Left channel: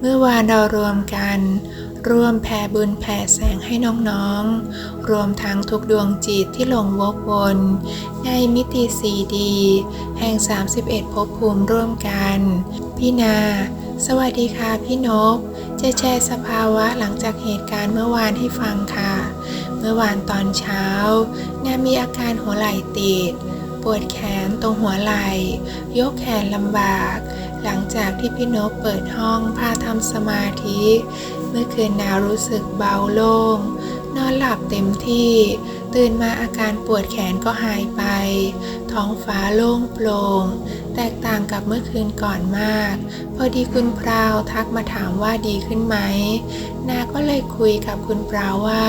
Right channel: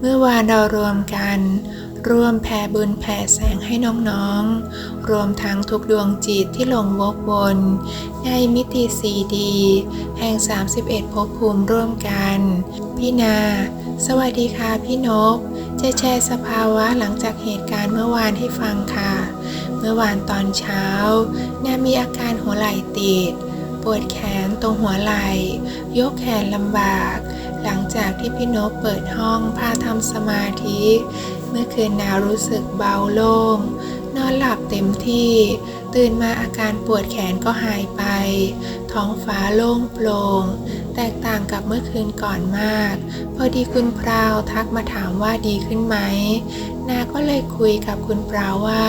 เมื่อวานเรารวมกัน ร่วมแผ่บุญแผ่แสงให้น้องๆ รวมทั้งทุกดวงจิตที่หลงวกวน ในมิติสีดีแห่ง 31ภพภูมิร่วมกัน พี่นา สวัสดีค่ะพี่นบจะแชร์สภาวะหลังจากเหตุการณ์เมื่อวานให้ฟังค่ะ เมื่อวานตอนเช้านามีอาการหัวไหล่ติด ปวดแขนตรงหัวไหล่ยกแขนลำบาก หลังจากที่พี่นบเปิดห้องพาทำสมาธิ เมื่อคืนนารู้สึกเบาโล่ง นอนหลับเต็มที่ ตื่นมาอาการปวดแขนก็หายไป ท้องฟ้าโล่งโปร่ง แตกต่างกับเมื่อคืนก่อนมาก พอดีคุณพราวทักมาถามว่าดีขึ้นไหม นาก็เลยคุยกับคุณปราวว่า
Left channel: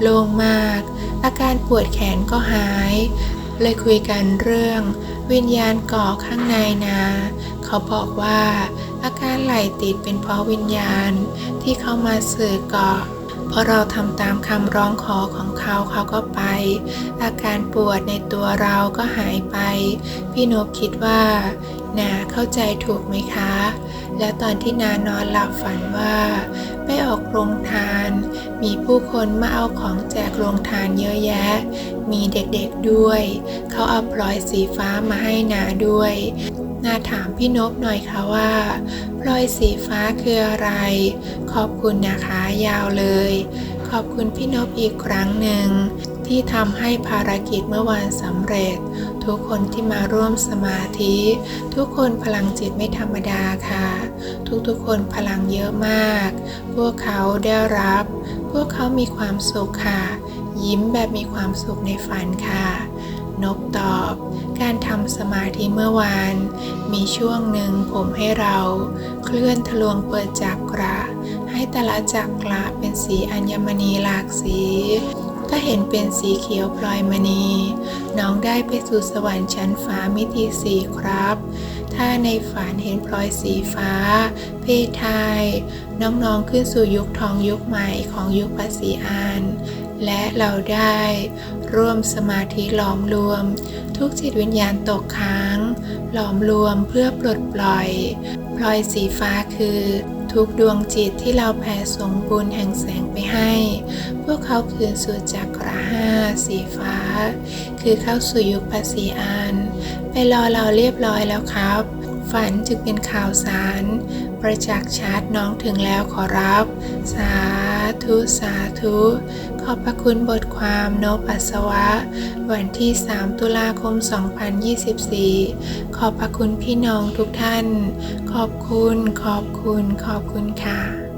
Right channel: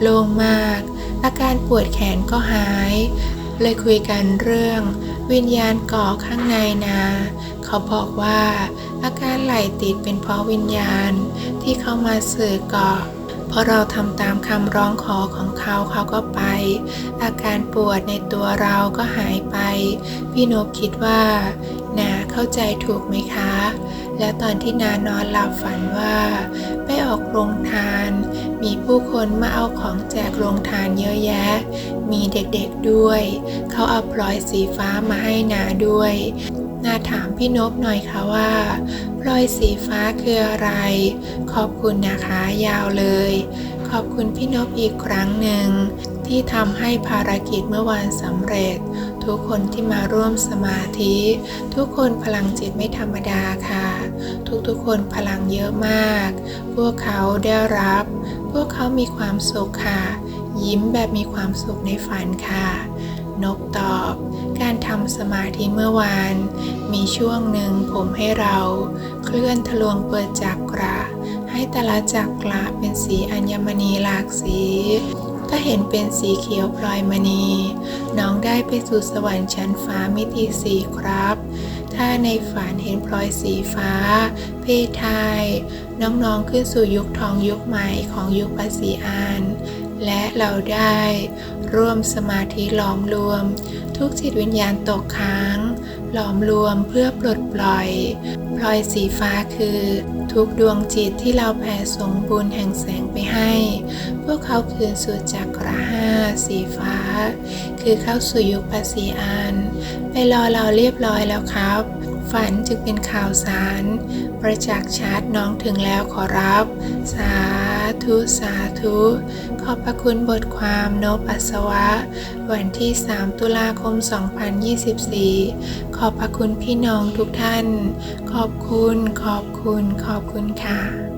โล่งมาก อาการปวดแขนก็หาย เลยคุยกันเรื่อง วิญญาณเกาะข้างในนา เขาบอกว่า อาการไหลติดเป็นเพราะวิญญาณที่เขามาสื่อเกาะพอเราทำตามคำร้องขอของเขาเขาก็ไป อาการปวดในตัวเราก็หายไป พี่นบคิดว่า นาเข้าใจถูกไหมคะ แล้วตอนที่นานอนหลับฝันว่า ไปออกโรงทาน มีผู้คนมาเอาของแจกโรงทานเยอะแยะ มีเด็กๆด้วย เขาเอาพลอยสีฟ้ามาให้นาด้วยนาถามพี่นบหน่อยค่ะว่าพลอยสีฟ้าคืออะไร ขอบคุณนะคะยาวเลย ขอบคุณพี่นบอีกครั้งหนึ่ง ที่ทำให้ภารกิจเมื่อวานสำเร็จ ทุกคนที่มาร่วมสมาธิ ทุกคนพลังจิตไม่ธรรมดาค่ะ ทุกๆคนพลังเยอะมาก พวกเขาได้รับ พวกเขามีความสุขค่ะ ยิ้มแบบมีความสุขในฝันค่ะ นกตอบการทำสมาธิเมื่อวาน มีช่วงหนึ่งผมให้เราเคลื่อนทะลวงเปิดจักระ ให้แต่ละจักระเป็นสีอัญมณีหลากสี ก็เห็นเป็นสีเขียวพลอยมณี น้องได้ไปสู่สวรรค์ชั้นฟ้ามิติสีครับ ถ้าในฝันเห็นพลอยสีฟ้า เพศไทย น้องๆขึ้นสู่ยุคทองยุคใหม่ของยุคปัสสีอาน และเราได้ ร่วมสมาธิหลอมรวม ทุกจิตวิญญาณตกค้าง หลอมรวมเพื่อปลดปล่อย พลอยสีฟ้าคือ ทุกดวงจิตที่เราแผ่ส่งบุญแห่งแสงไปให้ พวกเขาคืนสู่จักระห้าสีฟ้า คือเข้าสู่ยุคภาษีอาน ไปรอเราเรียบร้อยแล้วครับ ฝันจึงเป็นข่าวสาร ประจักษ์ชัดน้องถึงแล้วขอรับ สาธุ สาธุ ขอบพระคุณบทความนบอัสวะ วันที่ 3 ตุลาคม 2024 ขอบพระคุณพี่น้องทุกท่าน ขอบคุณ ขอบคุณ ขอบคุณค่ะ